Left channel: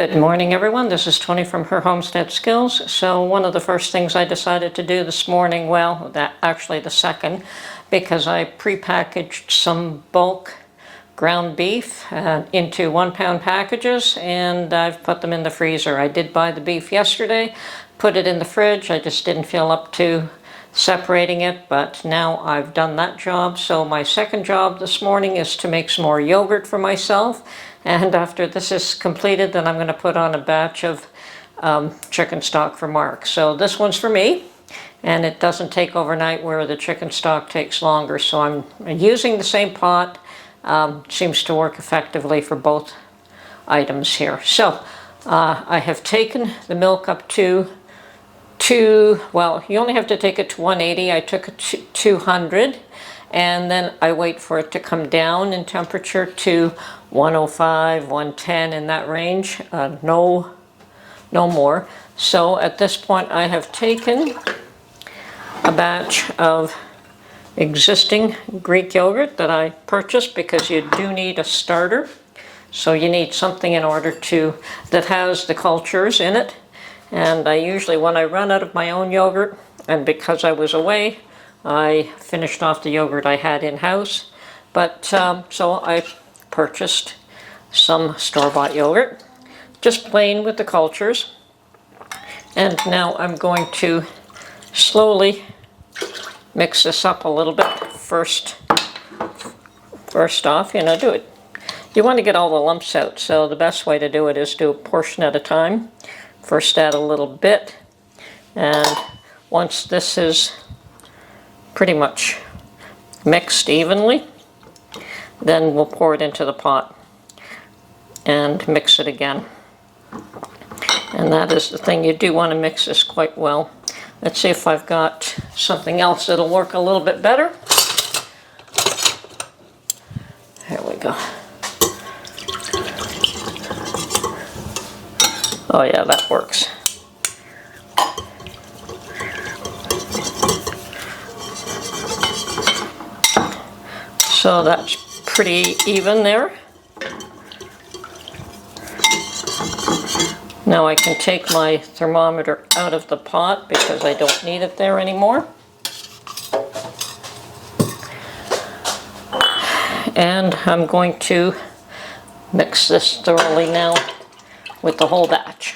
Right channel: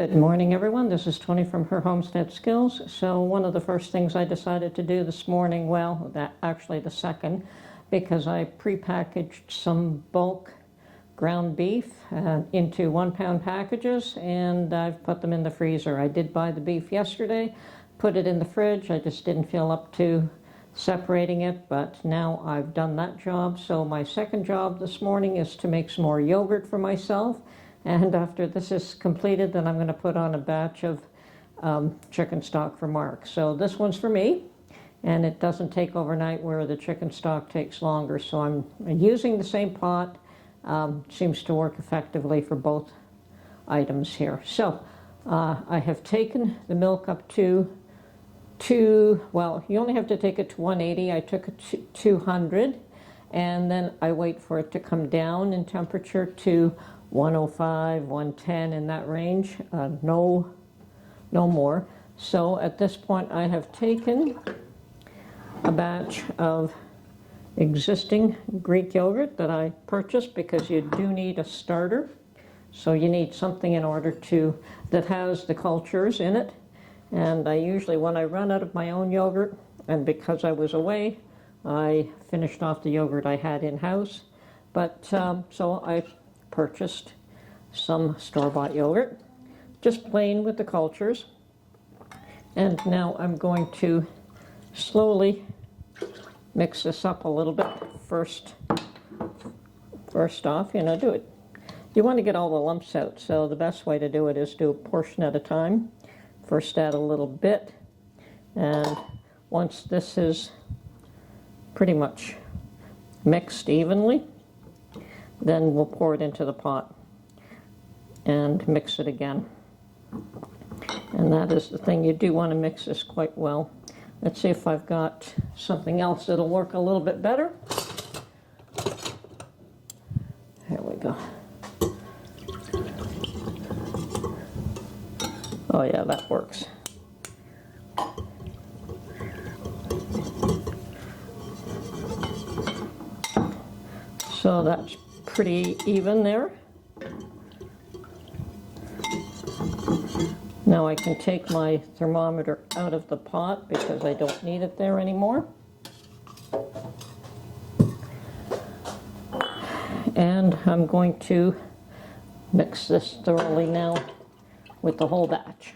Good morning, everyone. This is Tony from Her Homestead Skills. So one of the first things I decided to do this morning, well, actually the second, because I prepackaged some bulk ground beef into 1 pound packages, and I've put them in the freezer. I did buy the beef yesterday, put it in the fridge. I just didn't feel up to separating it, but now I've done that job. So my second job this morning is to make some more yogurt for myself. And after this is completed, then I'm going to put on a batch of chicken stock for Mark. So this one's for me, and it doesn't take overnight where the chicken stock takes longer. So I'm using the same pot. Seems to work effectively for both items here. So I have taken the milk up to well, you only have to take it to 180. I took it to 200, and then I wait for it to come down in temperature to 105, 110, in that range, no more. So at this point I have taken a batch of existing Greek yogurt that I purchased, because you do need a starter. So you need something in order that has the cultures in it. And I usually, when I run out of my own yogurt, and because I was away, I finished off the yogurt I had in-house. But so I purchased some store-bought yogurt, just plain with the cultures. And now I'm going to slowly mix this up a little bit. First off, you want to get all the lumps out, so the best way to do it is do a portion at a time. First add a little bit, and once this is pretty much mixed evenly, then we'll pour it into the pot and mix it again. And that is the thing, you do want to mix this quite well. Let's see if I've got something else that'll work a little bit better. Here we go. Oh yeah, that works. So that's pretty even there. Now I can take my thermometer out of the pot because I don't need it there anymore. And I'm going to mix this thoroughly now with the whole batch.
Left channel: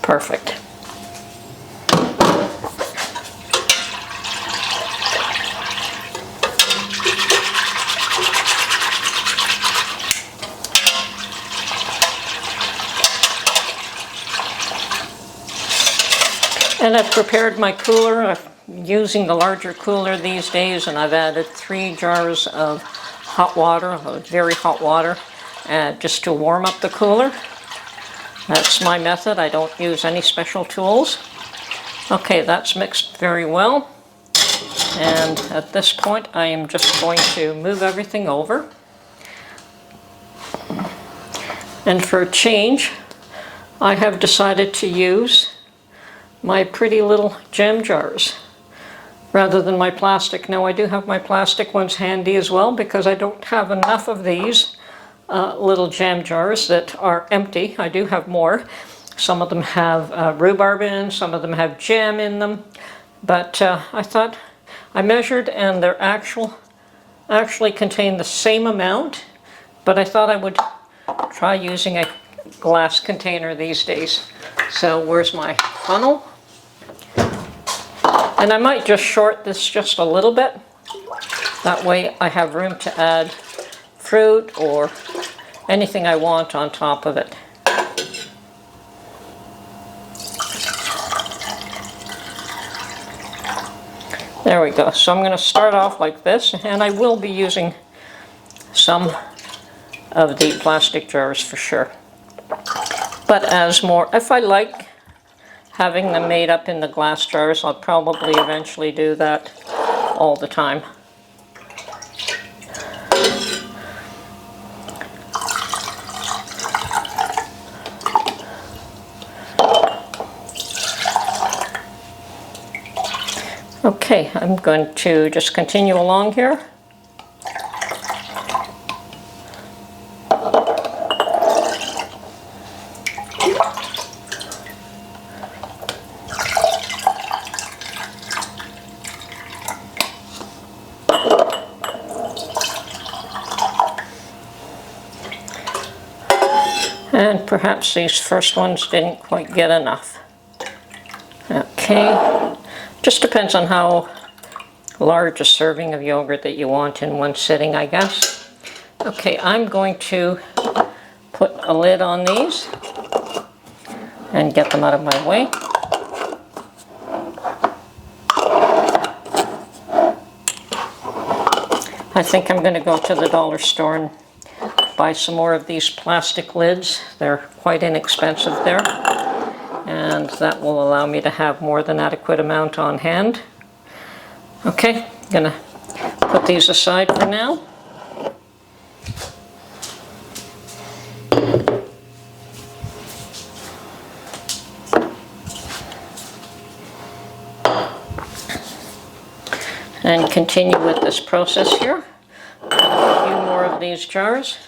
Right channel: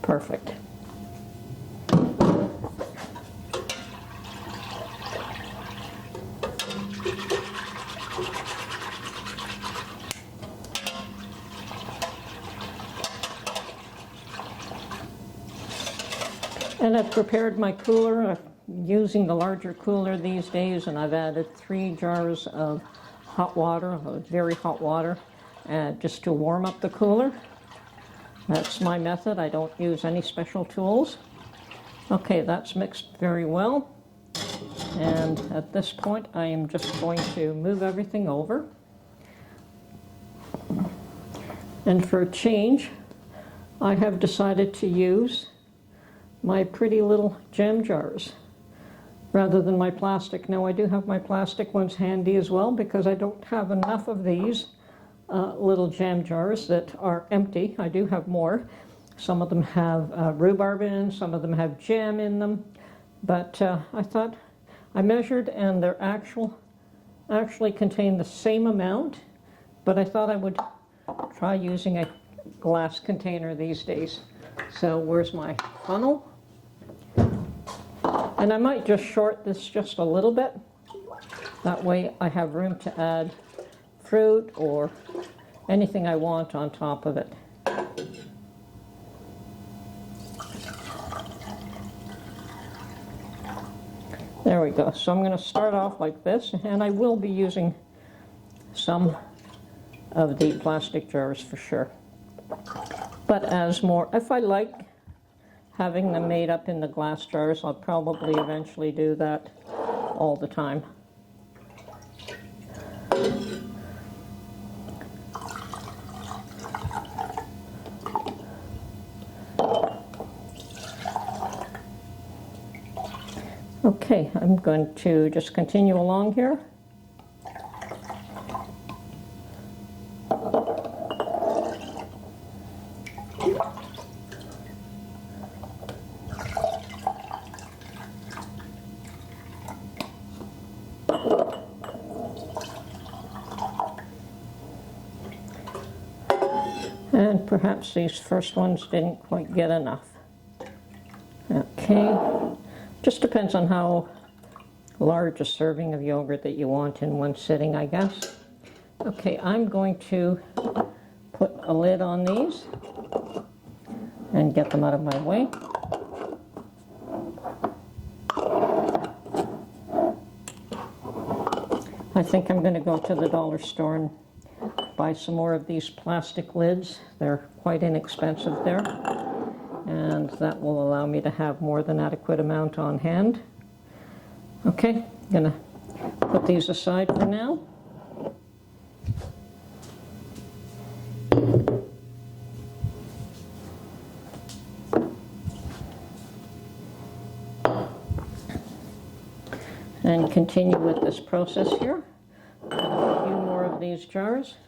Perfect. And I've prepared my cooler. I'm using the larger cooler these days, and I've added 3 jars of hot water, very hot water, just to warm up the cooler. That's my method. I don't use any special tools. Okay, that's mixed very well. And at this point, I am just going to move everything over. And for a change, I have decided to use my pretty little jam jars rather than my plastic. Now I do have my plastic ones handy as well, because I don't have enough of these little jam jars that are empty. I do have more. Some of them have rhubarb in, some of them have jam in them. But I thought, I measured, and they're actually contain the same amount, but I thought I would try using a glass container these days. So where's my funnel? And I might just short this just a little bit. That way I have room to add fruit or anything I want on top of it. There we go. So I'm going to start off like this, and I will be using some of the plastic jars for sure. But if I like having them made up in the glass jars, I'll probably eventually do that all the time. Okay, I'm going to just continue along here. And perhaps these first ones didn't quite get enough. Okay, just depends on how large a serving of yogurt that you want in one sitting, I guess. Okay, I'm going to put a lid on these and get them out of my way. I think I'm going to go to the dollar store and buy some more of these plastic lids. They're quite inexpensive there, and that will allow me to have more than adequate amount on hand. Okay, I'm going to put these aside for now. And continue with this process here. A few more of these jars.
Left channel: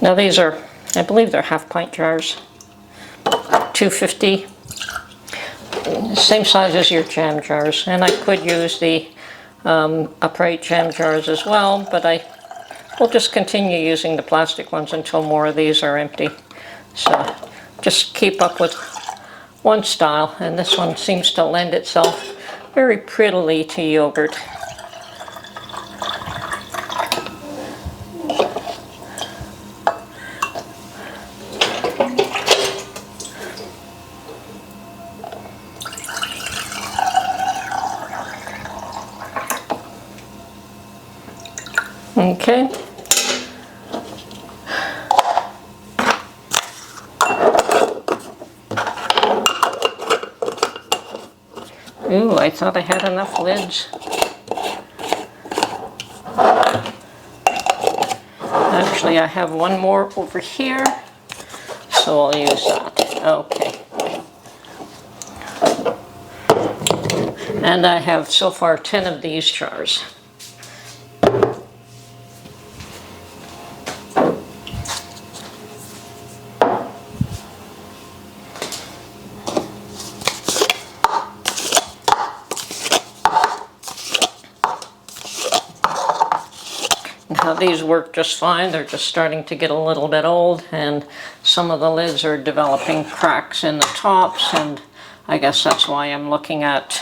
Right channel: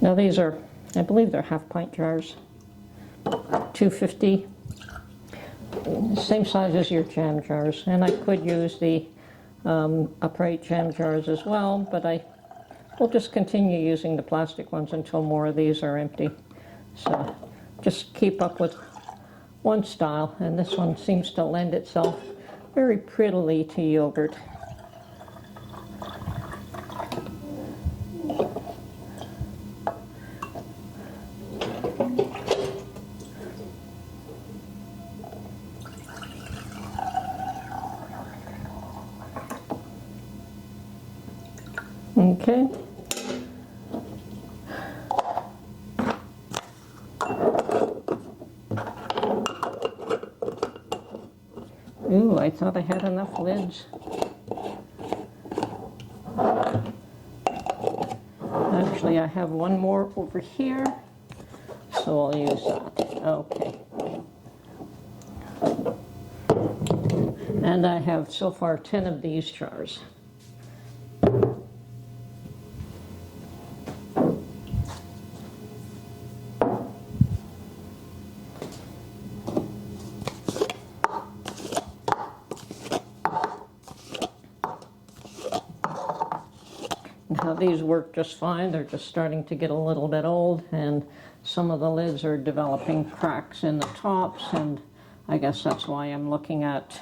Now these are, I believe they're half-pint jars, $2.50, same size as your jam jars. And I could use the upright jam jars as well, but I will just continue using the plastic ones until more of these are empty. So just keep up with one style, and this one seems to lend itself very prettily to yogurt. Okay. Ooh, I thought I had enough lids. Actually, I have one more over here, so I'll use that. Okay. And I have so far 10 of these jars. Now these work just fine. They're just starting to get a little bit old, and some of the lids are developing cracks in the tops, and I guess that's why I'm looking at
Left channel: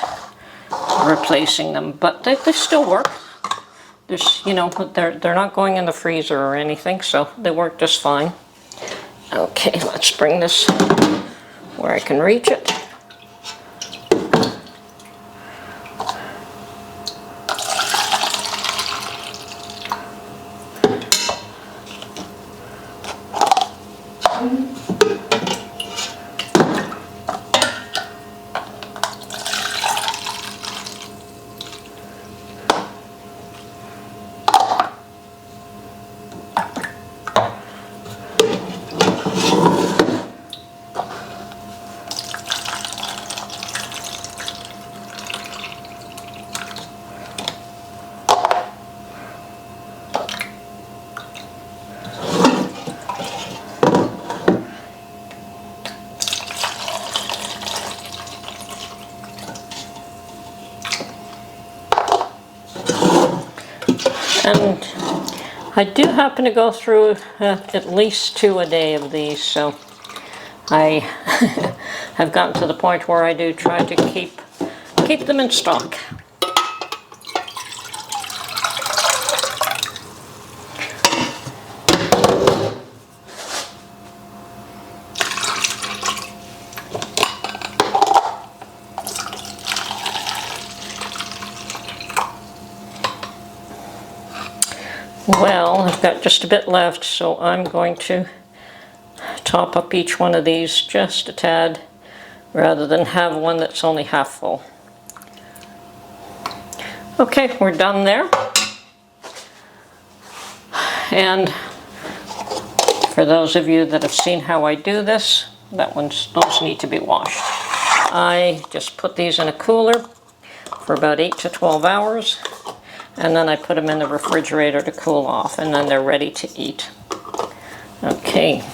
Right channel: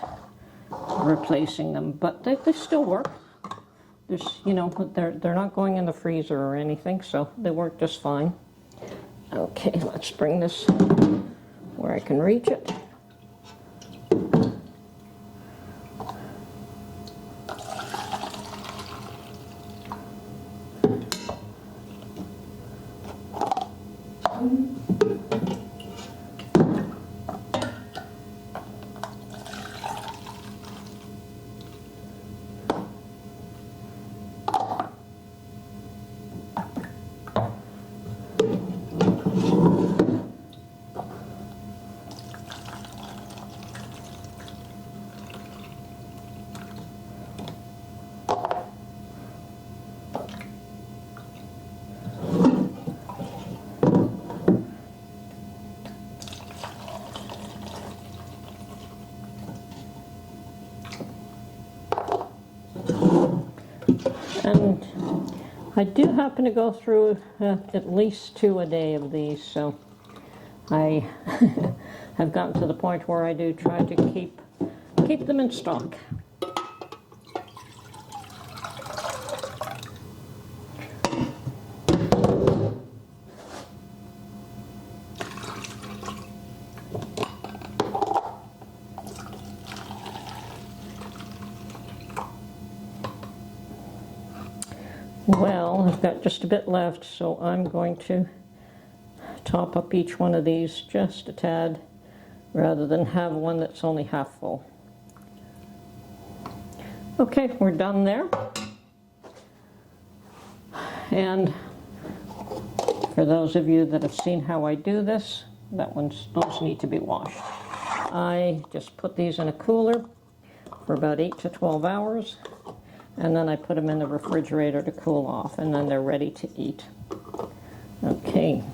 replacing them. But they still work. There's, you know, they're not going in the freezer or anything, so they work just fine. Okay, let's bring this where I can reach it. And I do happen to go through at least 2 a day of these, so I have gotten to the point where I do try to keep them in stock. Well, I've got just a bit left, so I'm going to top up each one of these just a tad, rather than have one that's only half full. Okay, we're done there. And for those of you that have seen how I do this, those need to be washed. I just put these in a cooler for about 8 to 12 hours. And then I put them in the refrigerator to cool off, and then they're ready to eat. Okay.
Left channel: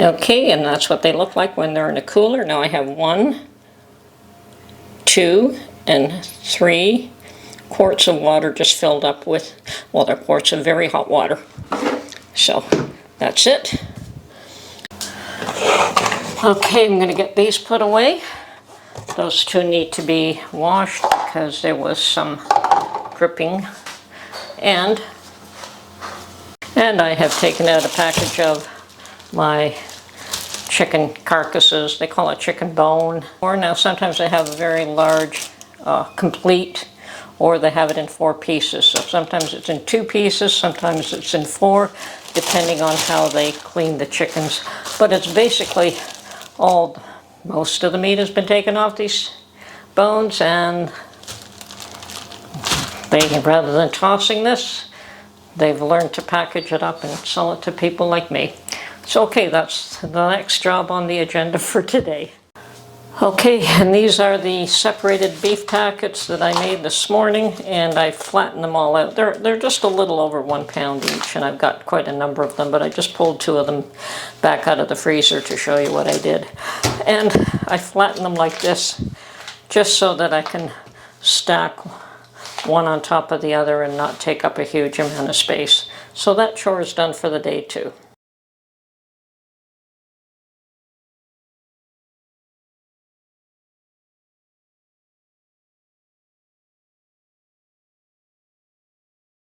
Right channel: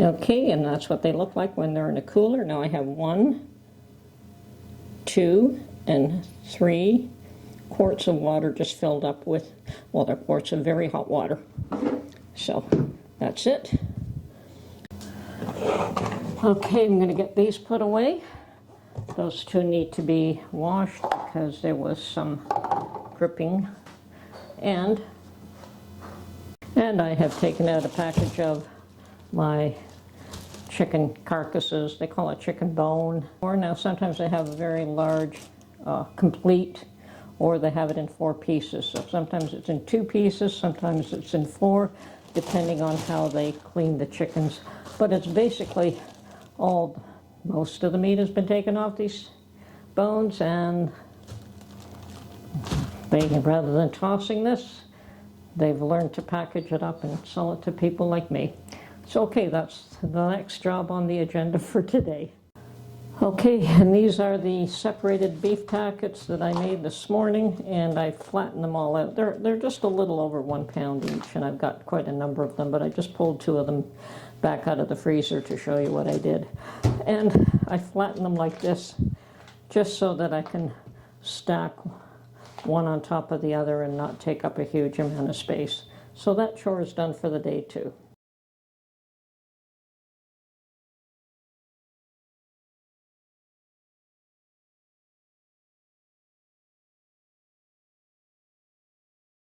Okay, and that's what they look like when they're in a cooler. Now I have 1, 2, and 3 quarts of water just filled up with, well, they're quarts of very hot water. So that's it. Okay, I'm going to get these put away. Those two need to be washed because there was some dripping. And I have taken out a package of my chicken carcasses. They call it chicken bone. Or now sometimes they have a very large complete, or they have it in 4 pieces. So sometimes it's in 2 pieces, sometimes it's in 4, depending on how they clean the chickens. But it's basically most of the meat has been taken off these bones, and rather than tossing this, they've learned to package it up and sell it to people like me. So okay, that's the next job on the agenda for today. Okay, and these are the separated beef packets that I made this morning, and I flattened them all out. They're just a little over 1 pound each, and I've got quite a number of them, but I just pulled 2 of them back out of the freezer to show you what I did. And I flattened them like this, just so that I can stack one on top of the other and not take up a huge amount of space. So that chore is done for the day too.